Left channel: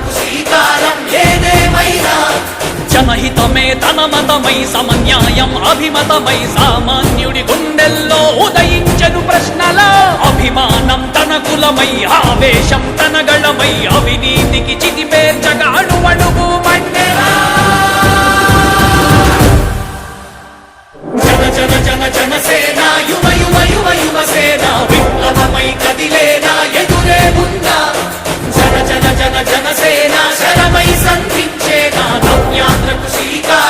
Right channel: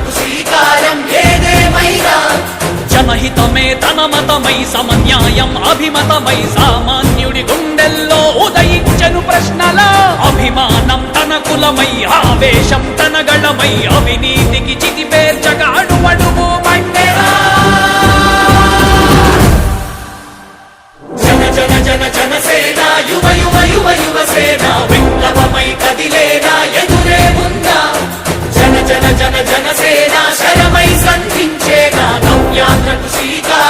నవ్యాంధ్రకు శ్రీకారం ఏదేమైనా జనహితమే తన మతమై సమన్యాయం అభిమతమై సామాన్యుడి గుండెల్లో ఉదయించెను ప్రశ్నల అభిమానం తన కులమై ఆవేశం తన గళమై అవినీతికి చితిపేర్చగా అణువణువు మండెరా జన జన జన జనసేన యువ యువ యువ యువసేన విప్లవమై కదిలేనా ఎదురే ఉందా జన జన జన జనసేన శరమై సంధించేనా నవ్యాంధ్రకు శ్రీకారం